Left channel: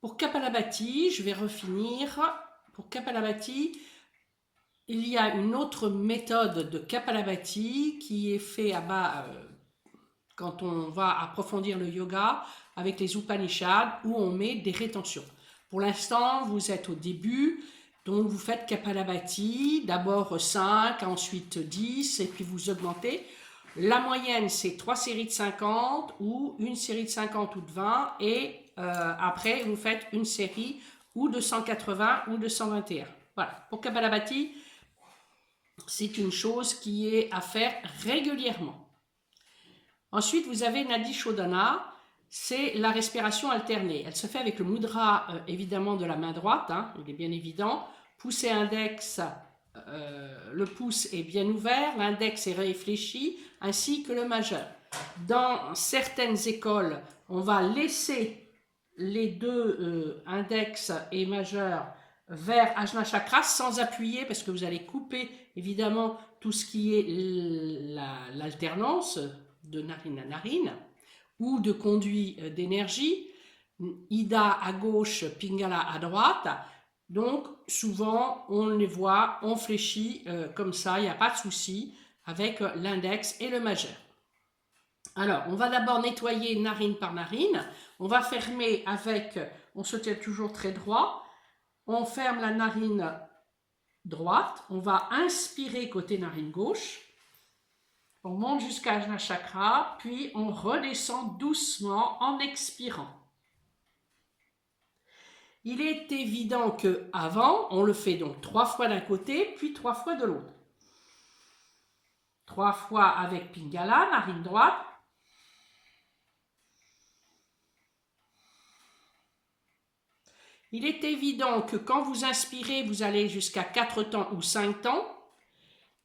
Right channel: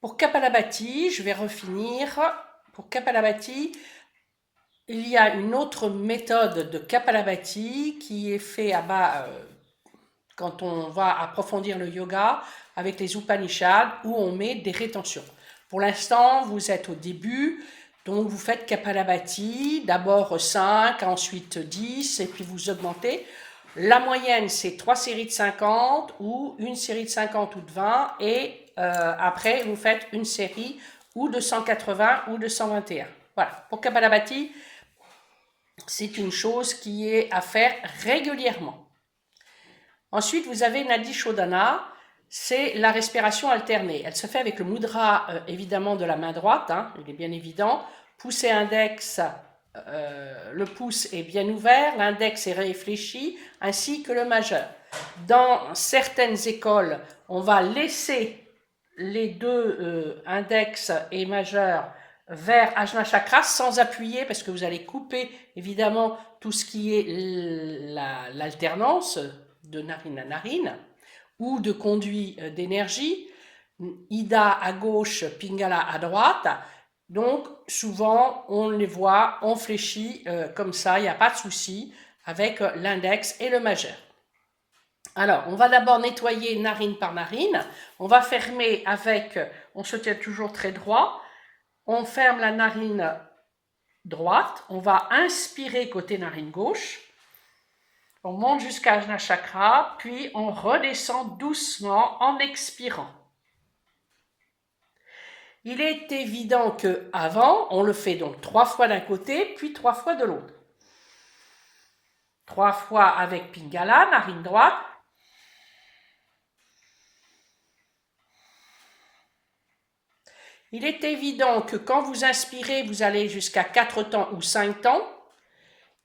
Pour Kapalabhati, je vais refinir. Pour Kapalabhati, il y a une autre méthode de Kapalabhati qui est faite quand on va approfondir le yoga avec les Upanishads où on met des rétentions. Pour l'instant, vous êtes au début, donc vous faites Kapalabhati, d'abord 5, ensuite 10, et puis vous augmentez. La moyenne, c'est 3 séries de 50 ou une série de 50 ou de 20, et après, vous faites une série ou de 180 ou de 121. Voilà, pour Kapalabhati, c'est une chose qui est à faire régulièrement. Ensuite, vous avez Nadi Shodhana, c'est la respiration alternée. Elle se fait avec le mudra, évidemment, de la main droite, hein, il est bien évident. Pouce et index, le pouce est bien ouvert, l'index est réfléchi, ainsi que le majeur. Dans certaines écoles, on va laisser les deux index et majeur vers Ajna Chakra sans appuyer parce que vous allez couper évidemment tout ce qui est l'alternance de narine à narine ou de conduit d'énergie, Ida à gauche, Pingala à droite. Donc souvent on les voit, on fléchit comme ça, il n'y a pas de souci avec l'index et le majeur. Alors, on va d'abord nettoyer narine par narine. On va fermer avec, on se tient toujours très droit. On ferme la narine droite. On va inspirer côté narine gauche. On monte jusqu'à Ajna Chakra, puis on redescend doucement en expirant. Il est évident qu'avant, on le fait donc 3 fois d'un côté, puis 3 fois de l'autre. 3 fois avec Pingala, narine droite. Il est évident que quand vous inspirez, vous allez jusqu'à 4 temps ou 5 temps.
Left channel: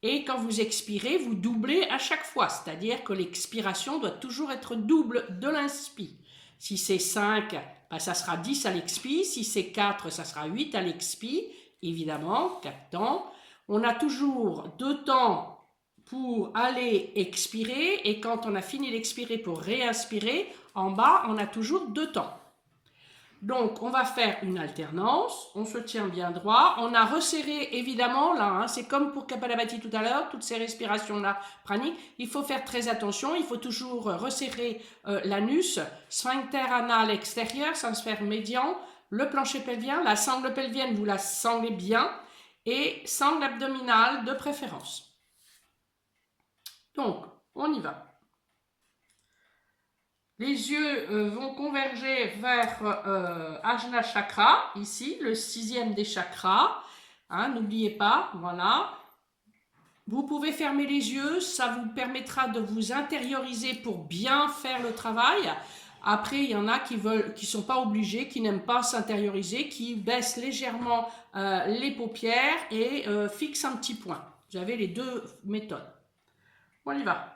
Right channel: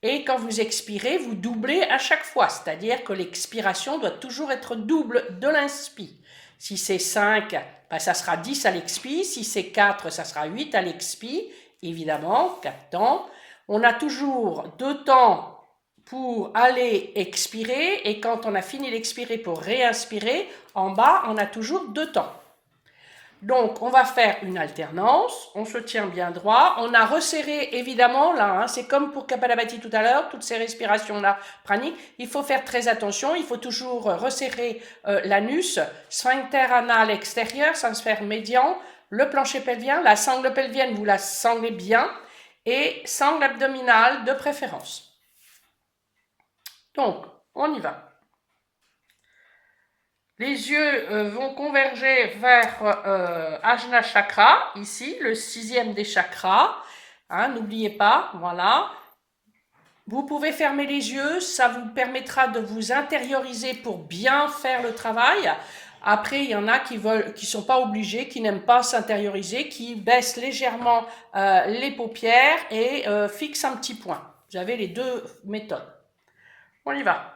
Et quand vous expirez, vous doublez à chaque fois. C'est-à-dire que l'expiration doit toujours être double de l'inspire. Si c'est 5, ben ça sera 10 à l'expire. Si c'est 4, ça sera 8 à l'expire. Évidemment, 4 temps. On a toujours 2 temps pour aller expirer. Et quand on a fini d'expirer pour réinspirer, en bas, on a toujours 2 temps. Donc, on va faire une alternance, on se tient bien droit, on a resserré évidemment là, hein, c'est comme pour Kapalabhati tout à l'heure, toutes ces respirations-là praniques, il faut faire très attention, il faut toujours resserrer l'anus, sphincter anal extérieur, sphère médian, le plancher pelvien, la sangle pelvienne, vous la sanglez bien, et sangle abdominale de préférence. Donc, on y va. Les yeux vont converger vers Ajna Chakra, ici, le 6e des chakras. Hein, n'oubliez pas, voilà. Vous pouvez fermer les yeux, ça vous permettra de vous intérioriser pour bien faire le travail. Après, il y en a qui ne sont pas obligés, qui n'aiment pas s'intérioriser, qui baissent légèrement les paupières et fixent un petit point. Vous avez les deux méthodes. On y va.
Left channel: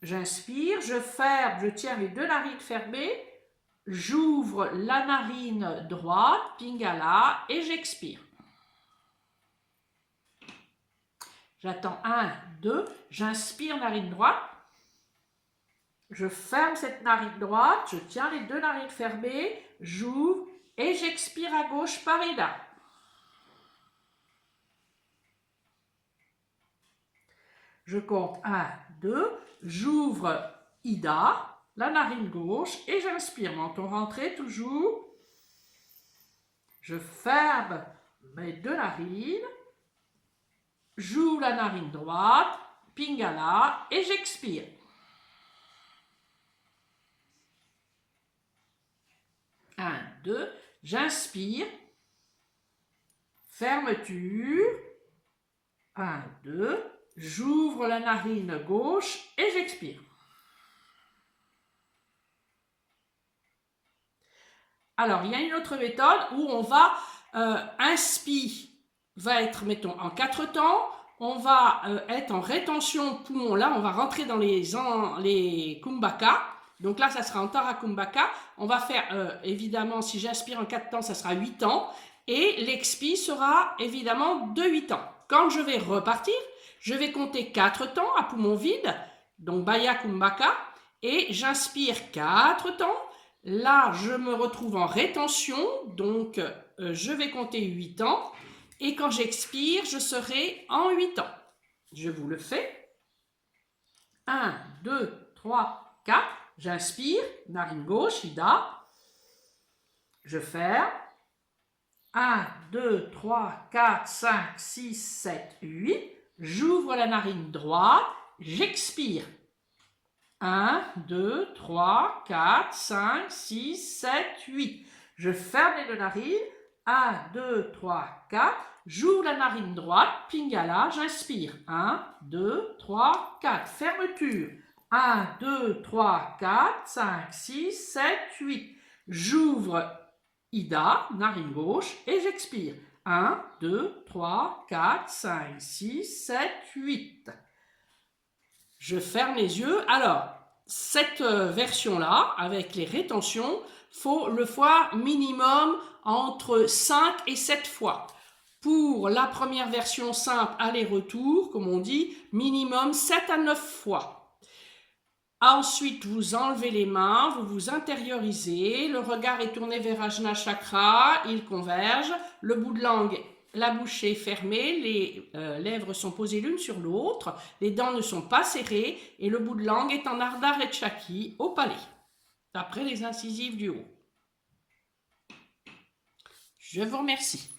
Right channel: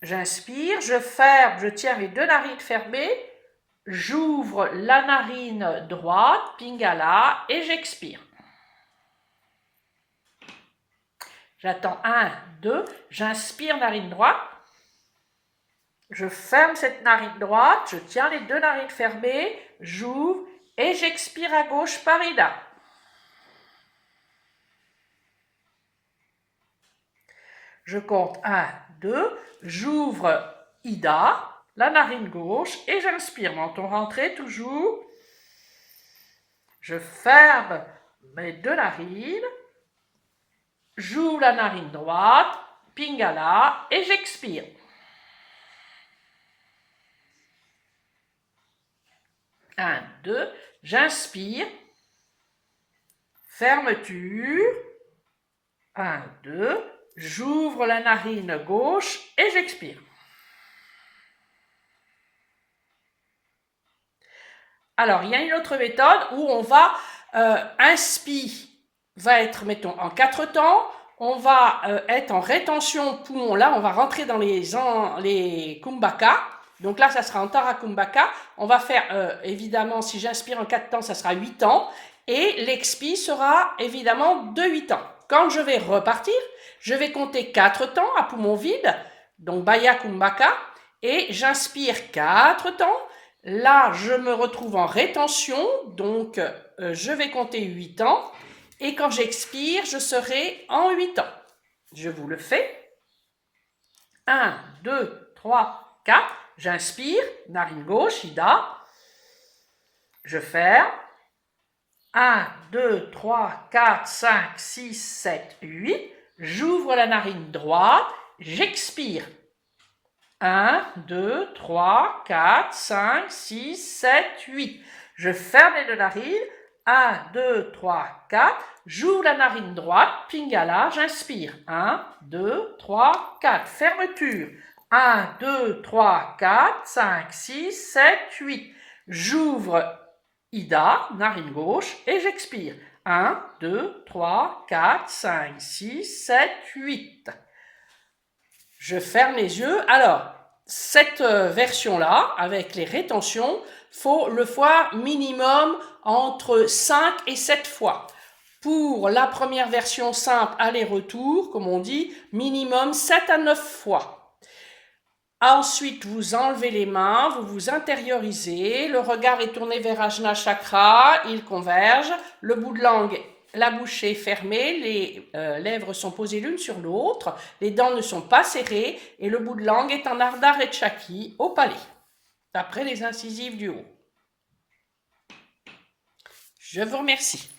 J'inspire, je ferme, je tiens les deux narines fermées, j'ouvre la narine droite, Pingala, et j'expire. J'attends 1, 2, j'inspire narine droite, je ferme cette narine droite, je tiens les deux narines fermées, j'ouvre et j'expire à gauche par Ida. Je compte 1, 2, j'ouvre Ida, la narine gauche, et j'inspire. Menton rentré toujours. Je ferme mes deux narines. J'ouvre la narine droite, Pingala, et j'expire. Un, deux, j'inspire. Fermeture. 1, 2, j'ouvre la narine gauche et j'expire. Alors, il y a une autre méthode où on va inspire, va être, mettons, en 4 temps, on va être en rétention poumon, là, on va rentrer dans les kumbhaka, donc là, ça sera Antara Kumbhaka, on va faire, évidemment, si j'inspire en 4 temps, ça sera 8 temps, et l'expire sera évidemment de 8 temps. Quand je vais repartir, je vais compter 4 temps à poumon vide, donc Baya Kumbhaka, et j'inspire 4 temps, Là, je me retrouve en rétention, donc je vais compter 8 ans. Et quand j'expire, je serai en 8 ans. Je vous le fais. 1, 2, 3, 4. J'inspire, narine gauche, Ida. Je ferme. 1, 2, 3, 4, 5, 6, 7, 8. J'ouvre la narine droite. J'expire. 1, 2, 3, 4, 5, 6, 7, 8. Je ferme les deux narines. 1, 2, 3, 4. J'ouvre la narine droite. Pingala, j'inspire. 1, 2, 3, 4. Fermeture. 1, 2, 3, 4, 5, 6, 7, 8. J'ouvre Ida, narine gauche, et j'expire. 1, 2, 3, 4, 5, 6, 7, 8. Je ferme les yeux. Alors, cette version-là, avec les rétentions, faut le faire minimum entre 5 et 7 fois. Pour la première version simple, aller-retour, comme on dit, minimum 7 à 9 fois. Ensuite, vous enlevez les mains, vous vous intériorisez, le regard est tourné vers Ajna Chakra, il converge, le bout de langue, la bouche est fermée, les lèvres sont posées l'une sur l'autre, les dents ne sont pas serrées et le bout de langue est en Ardha Rechaki au palais, d'après les incisives du haut. Je vous remercie.